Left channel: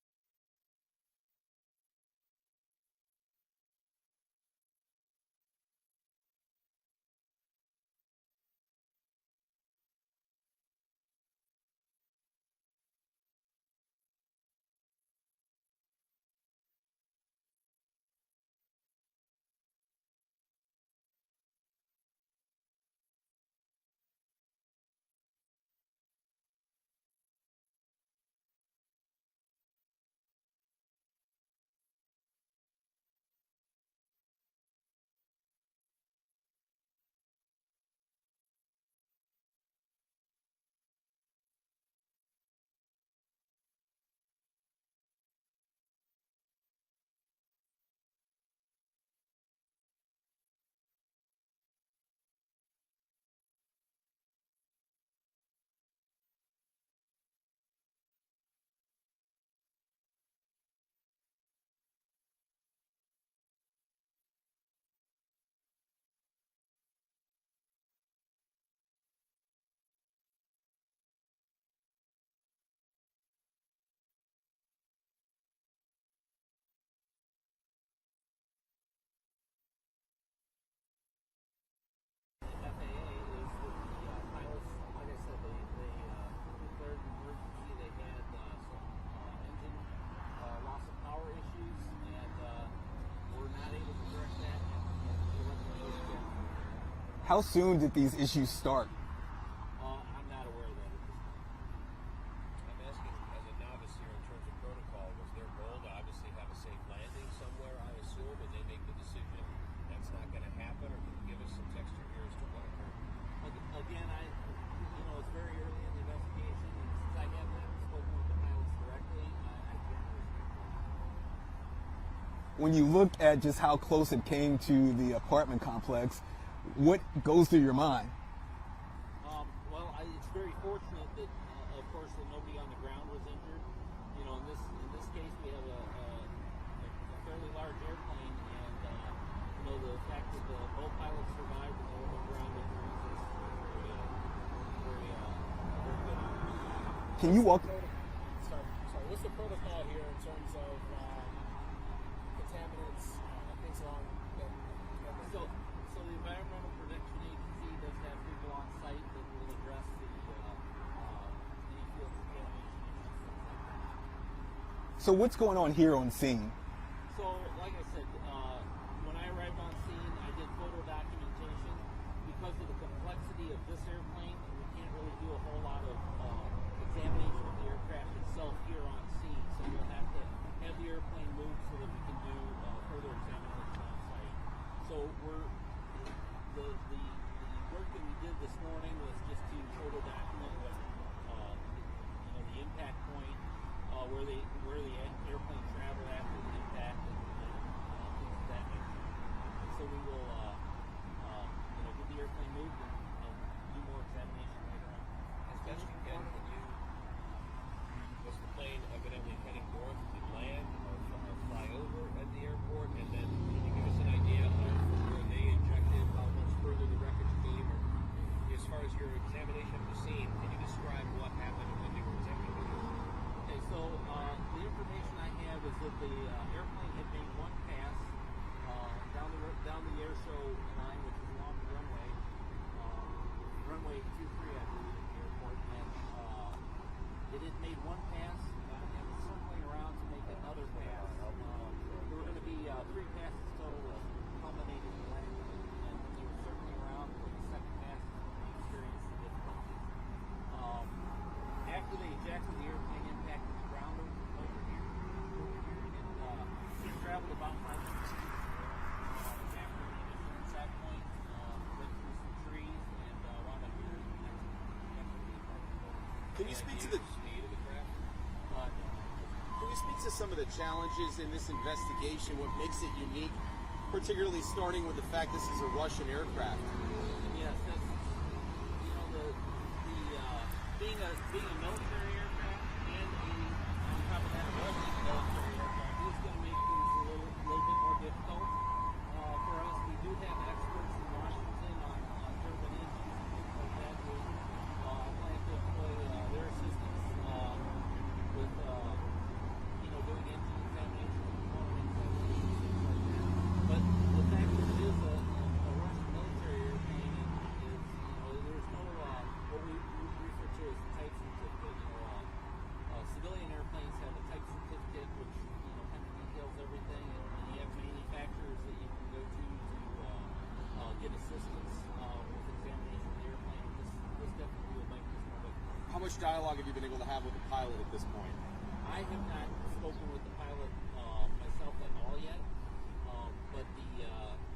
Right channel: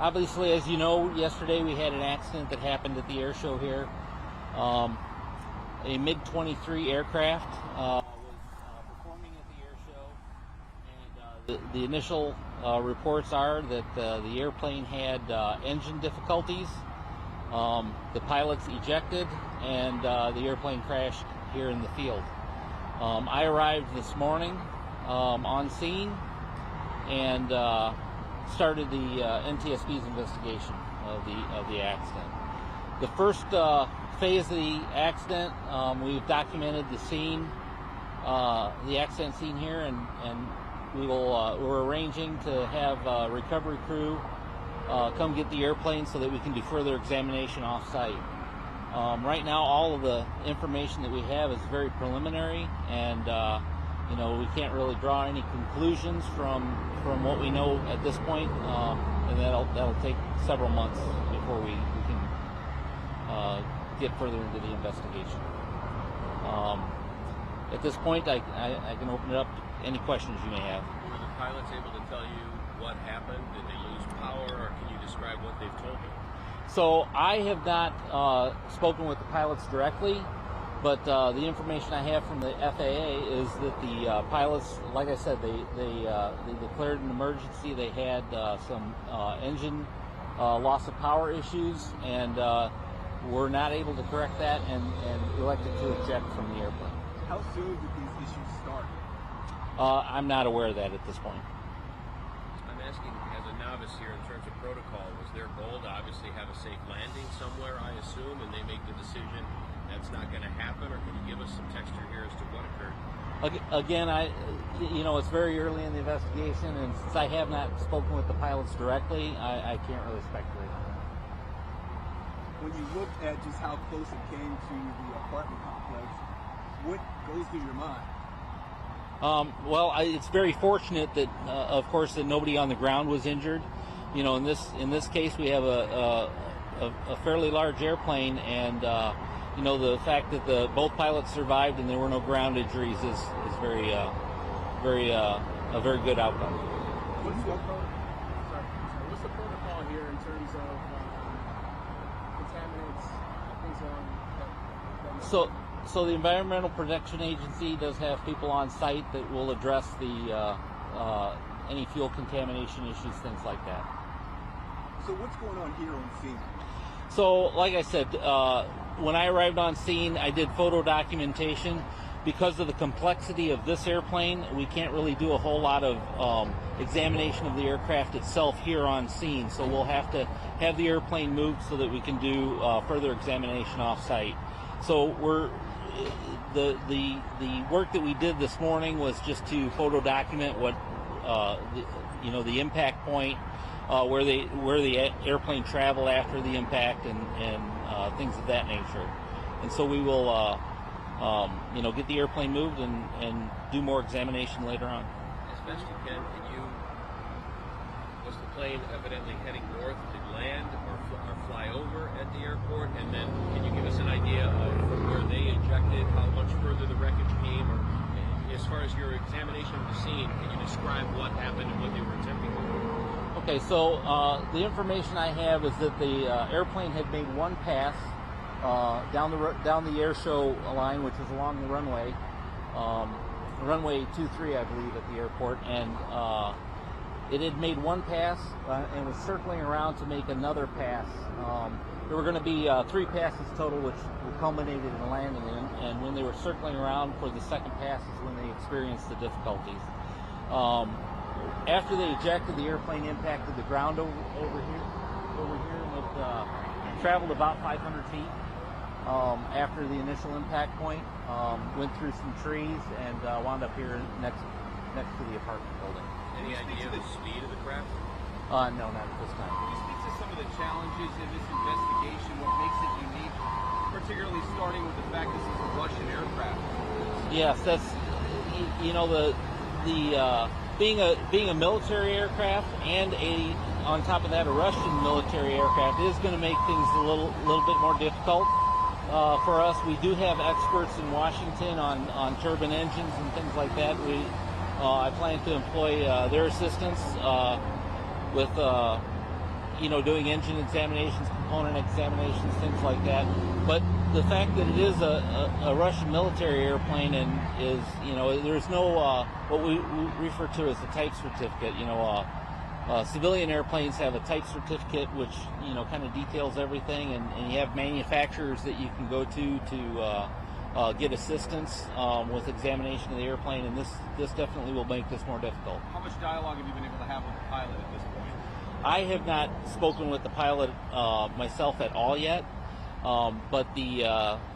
Obviously, as you know, yesterday we had an accident that happened at the air show here. A MiG-23 aircraft was performing at the air show, and the initial reports are that the airplane had engine difficulties. The pilots ejected, and the airplane crashed here in the field. I arrived this morning on scene and started the NTSB's investigation of the accident. The first phase of the accident, we've documented the scene, the accident scene here, and we're arranging to have a recovery crew come get the airplane so that we can do further examination off-site. Right now, all of the information that we have is very preliminary, and we can't really draw any conclusions from what we know at this point, and that'll take several months before we can get further into the investigation. At this point, I can open it up to any questions you may have. Were the pilots able to tell you what happened? Did they lose power, or can you describe what they've told you? So I have not spoken with the pilots directly, but the information I have from the FAA is that the pilots, like I said, they declared an emergency. They had some engine loss of power issues, and were not able to correct that, and elected to eject from the airplane. How soon did these issues start? I'm not aware of that at this point. I'm asking, as a novice here, in terms of protocol, was their goal to obviously have a safe landing somewhere, I assume, and they make the decision that's not going to happen, or can you give us some texture here as to what occurred? Again, it's very early in the investigation, and since I have not spoken with the pilots directly, I can't really speculate on that. When you look at just how close it came to the apartment complex, what goes through your mind? It's very fortunate that, of course, that nobody on the ground was injured. In this case, we have a fairly large airplane, and the fact that both pilots survived and there were no ground injuries is a very good outcome. Can you walk? Sorry. What's the protocol here in terms of contaminants, things along that? So the Environmental Protection Agency does have people on site that will address any fuel contamination issues, things like that. So what's going on here on scene? So, like I said, when I arrived on scene, I did photo documentation. Because of the complexity of this airplane, we can't really do a whole lot of examination of the aircraft itself here on scene. So we'll have to have the airplane moved so that we can do further examination off-site. So the work that we did this morning was just to photo document what the impact point, where the airplane traveled after the impact, and things of that nature. And so we will get the airplane moved and do more examination later on. As best you can was the plane evidently heading north? Did land or fly over at the airport? And then can you give us an idea of where they ejected, how much further the wreckage came? Or as far as your examination of the scene, can you describe what happened and what they were attempting to do? Okay, so the information I have is that the airplane had made one pass down the air show line, which is along the runway 23, I believe, at the airport, and it had made one pass and was circling around to make another pass. There were going to be 3 passes total, which culminated in landing, and when they were circling around for the second pass is when they experienced the difficulties. After they ejected, the airplane impacted the ground over here, and it traveled about 500 feet. After the initial impact point, went through some trees and wound up here next to the apartment building. Any idea of the speed of the craft? No, not at this time. Can you speak to some of the challenges in this investigation? What makes it unique, particularly starting with the fact this is a Russian aircraft? Yes, that's being a military aircraft and on top of that a Russian military aircraft is going to make things a little bit more difficult for us. We do have experts in Washington on turbine engines and things like that. I plan to employ their assistance with doing engine examinations, component examinations, things like that. But the fact that it is a Russian military airplane and is, there's no what we refer to as a type certificate. Civilian airplanes have a type certificate which kind of details everything, and you have manufacturers that you can go to get assistance with examination of the airplane, and this definitely will make this more difficult. How much dialogue have you been able to have with the pilot at this point? I have not spoken with the pilot myself at all yet, but the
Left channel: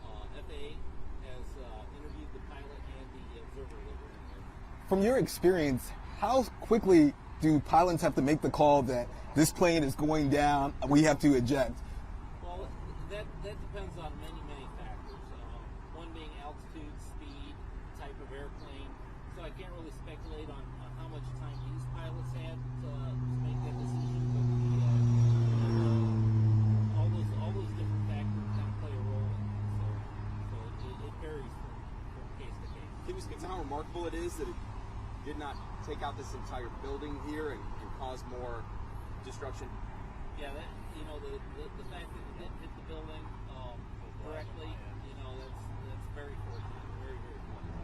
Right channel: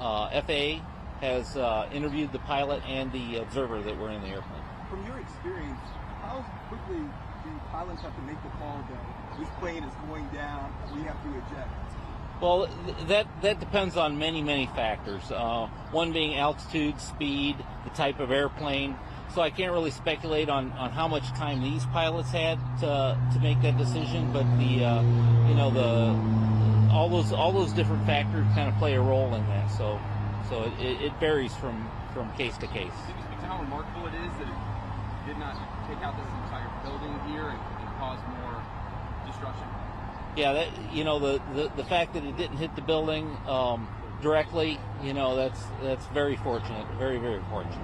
FAA has interviewed the pilot and the observer that were in the airplane. From your experience, how quickly do pilots have to make the call that this plane is going down, we have to eject? Well, that depends on many factors. One being altitude, speed, the type of airplane. So I can't really speculate on how much time these pilots had to make that decision. But all those different factors kind of play a role in that. So it varies from case to case. Can you speak to how remarkable it is that it did not take out this entire building here and cause more destruction? Yeah, the fact that it didn't hit the building directly, that's very fortunate, very fortunate.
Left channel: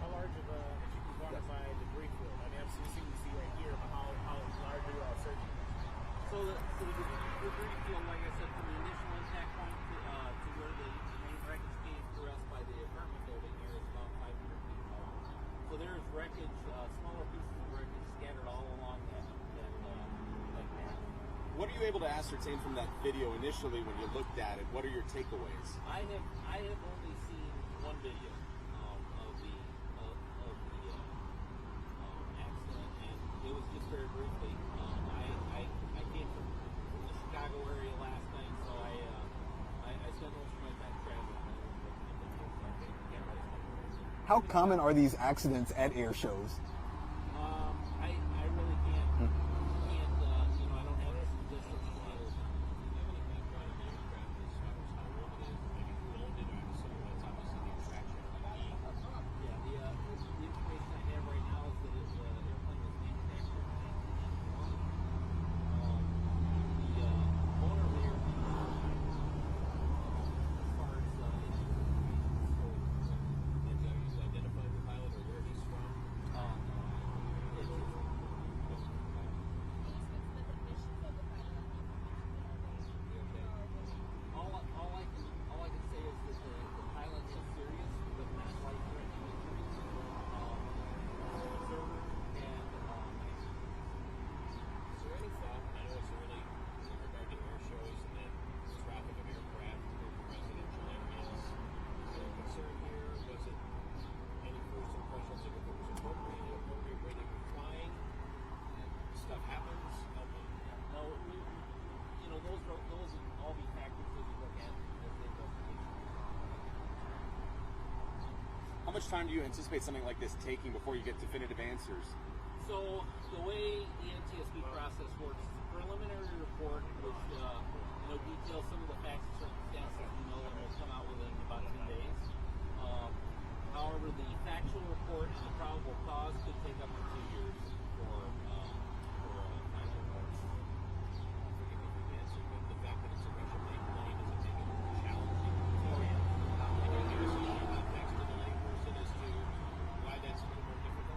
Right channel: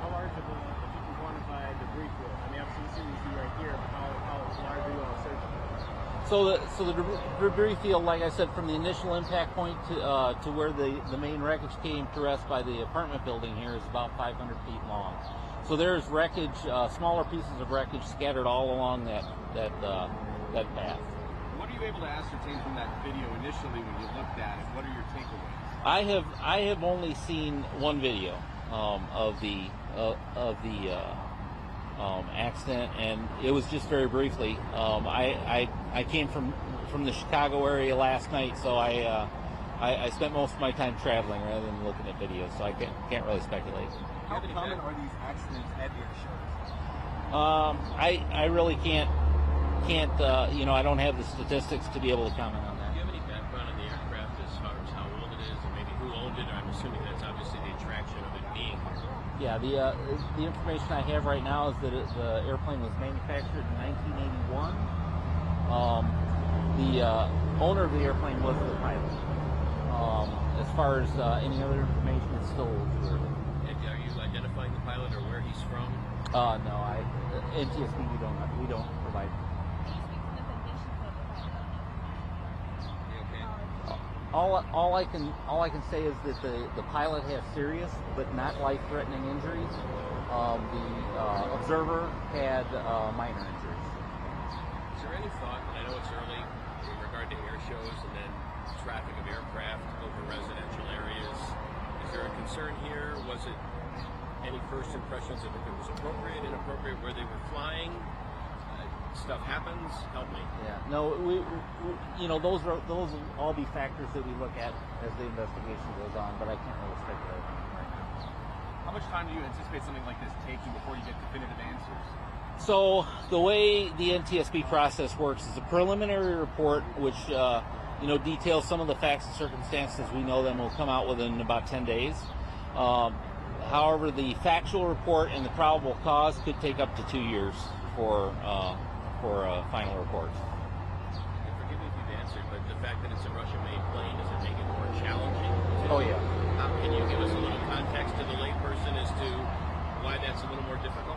How large of a, if you can quantify debris field? I mean, obviously you see right here, but how large are you all searching? So the debris field, like I said, from the initial impact point to where the main wreckage came to rest by the apartment building here is about 500 feet long. So there's wreckage, smaller pieces of wreckage scattered all along that path. What are you able to ascertain from that video initially when you looked at it? What are your takeaways? I have only seen one video of the accident, and it was just very briefly. I came from the Chicago area last night, so I spent most of my time traveling rather than looking at videos, so I can't really speculate. How common are these accidents at air shows? I really can't. I don't have the statistics to be able to comment on that. Do you have any background on the aircraft as far as how old it is and maybe who owned it? I'm assuming that's obviously the attraction of it being here. Yeah, the information I have right now is that the airplane was manufactured in 1981. The owner of the airplane was the pilot. As far as any other information, it's still unclear. And are you identifying the pilot or where he's from? No, NTSB we don't provide. All I can say is that the pilot has serious but not life-threatening injuries. The observer had minor injuries. Is there any thought, and I know it's early, in regard to air shows and then traffic of aircraft over residential areas, is there a concern here? Was it any first impressions of if it was appropriate, inappropriate, where they were flying? Stuff happens. Help me. Yeah. No, we those will all be factors that we look at as the investigation goes on, but I can't really speculate on it right now. How much time do you anticipate something like this taking before you get definitive answers? So the way the NTSB process works is a preliminary report, which details some of the facts and circumstances. We know them will come out within about 10 days. However, the factual report and the probable cause could take up to 2 years for final reports. And forgive me if you've answered, but the fact that it's a Russian-made plane, does it make it more challenging? Oh yeah. Can you give us a little context to the layperson as to why that's a little more difficult?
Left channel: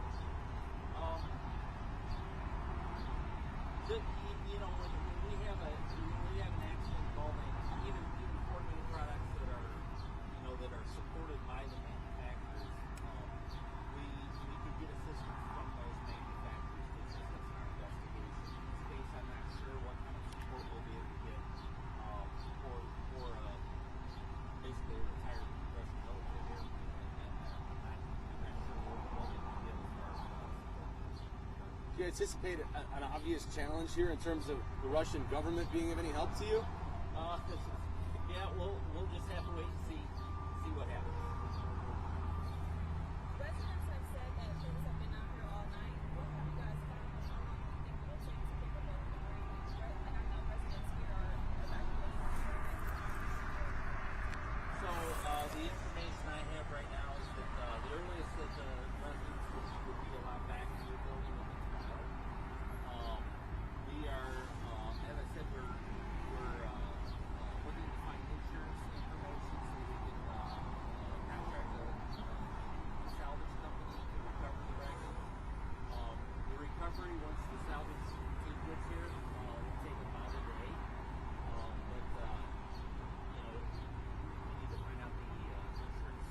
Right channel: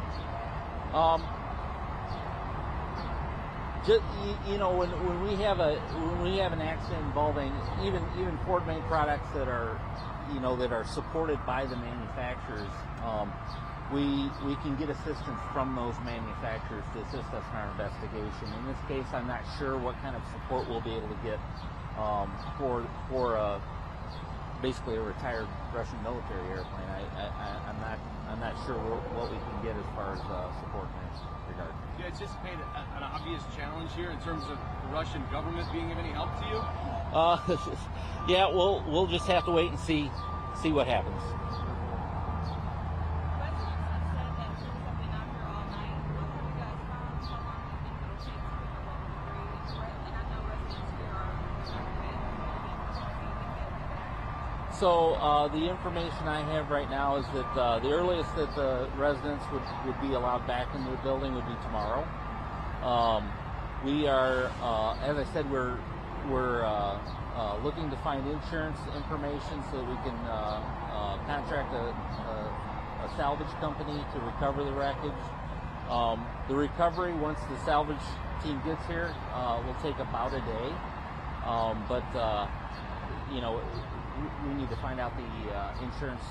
When we have an accident involving even Ford-made products that are supported by the manufacturers, we can get assistance from those manufacturers to assist us in our investigation. In this case, I'm not sure what kind of support we'll be able to get for basically a retired Russian military airplane. I'm not sure what we can get as far as support in this regard. Do you anticipate an obvious challenge here in terms of the Russian government being of any help to you? Yeah, we'll just have to wait and see what happens. So the information I have right now is that the earliest that the residents would be allowed back into the building would be tomorrow. We are, as I said, we're looking to find insurance information so we can contract a salvage company to recover the wreckage. The recovery, once the salvage team gets here, will take about a day. But you know, we need to find out the insurance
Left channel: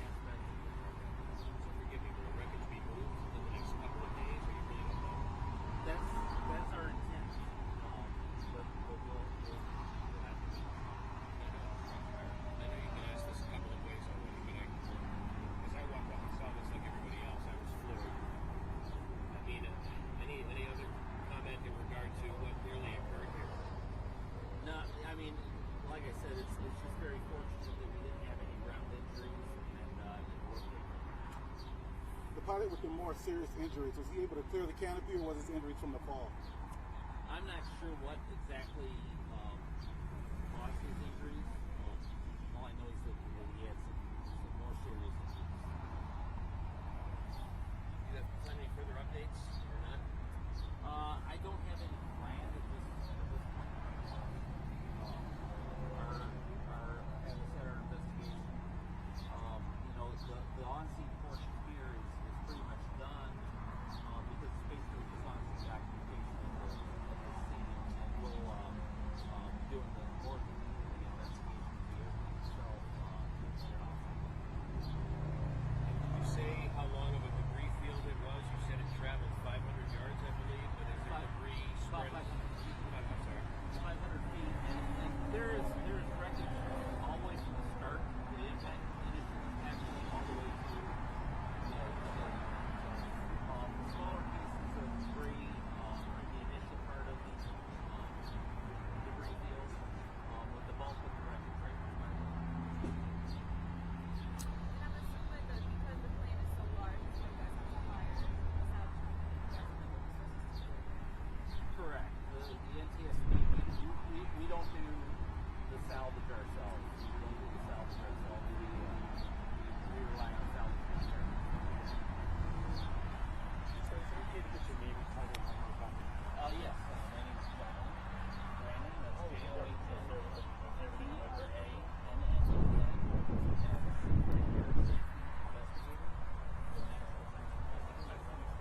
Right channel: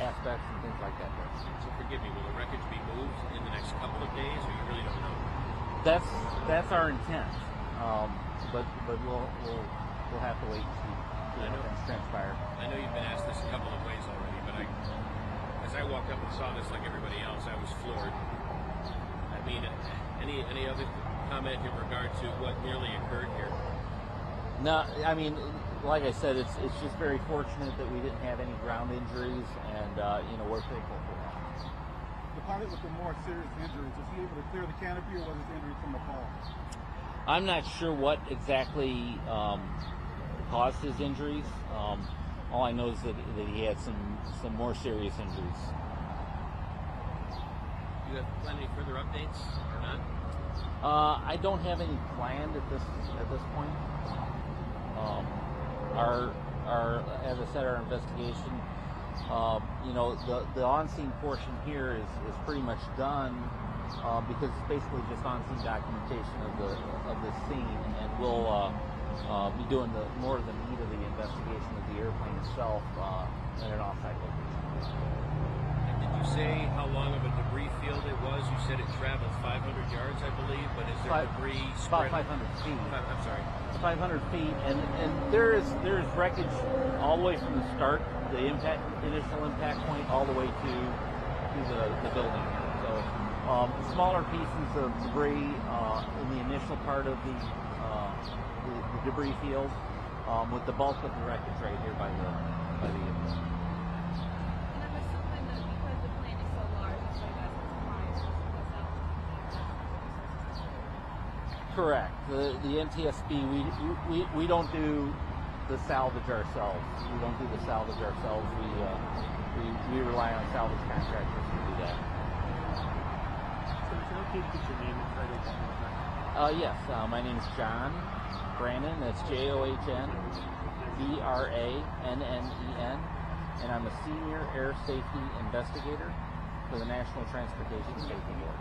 aspects and things like that. So forgive me, will the wreckage be moved in the next couple of days, or you really don't know? That's our intent. But we'll have to wait and see how things transpire. I know you've been asked this a couple of ways already, but as I walked up and saw this like everybody else, I was floored. I mean, any other comment in regard to what nearly occurred here? No, I mean, like I said, it's just very fortunate that we didn't have any ground injuries, and we're thankful for that. The pilot with the more serious injuries, was he able to clear the canopy, or was his injury from the fall? I'm not sure what exactly caused his injuries. All I know is that he had some more serious injuries. Do you have any further updates or not? I don't have any planned at this point. As I said, our investigation, the on-scene portion here is pretty much done because it's basically just on-scene documentation of the scene, and we'll be doing more of the meat of the investigation of the airplane itself at an off-site location. And did you say how long of a debris field it was? You said it traveled 500 yards, I believe, but is there debris About spread? 500 feet. I'm sorry. 500 feet, and there is wreckage all the way from the start, the initial impact point, all the way to the building. So smaller pieces of debris in the initial part of the debris field, with the bulk of the wreckage right here by the And I'm assuming that because the plant is so large, so you guys are suppliers. Correct. The NTSB, we don't do the salvage ourselves. We don't do the salvage ourselves. We rely on salvage contractors to do that. So can I take your name and title one more time? Yes. My name is John Brannon. That's JOHN BRANNEN, and I'm a senior air safety investigator for the National Transportation Safety Board.